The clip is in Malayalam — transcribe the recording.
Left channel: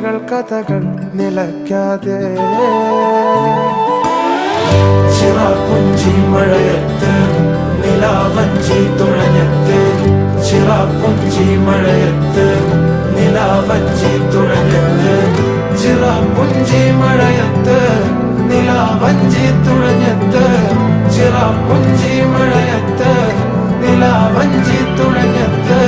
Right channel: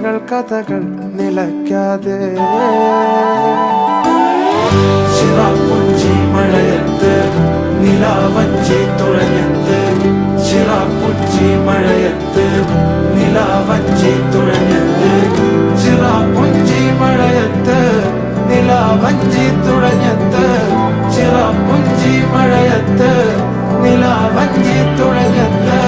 കഥകൾ നിലയ്ക്കാതെ ചിറാപ്പുഞ്ചി മഴയത്ത് നിലാവഞ്ചി തുഴഞ്ഞത്ത് ചിറാപ്പുഞ്ചി മഴയത്ത് നിലാവഞ്ചി തുഴഞ്ഞത്ത് ചിറാപ്പുഞ്ചി മഴയത്ത് നിലാവഞ്ചി തുഴഞ്ഞത്ത് ചിറാപ്പുഞ്ചി മഴയത്ത് നിലാവഞ്ചി തുഴഞ്ഞത്ത്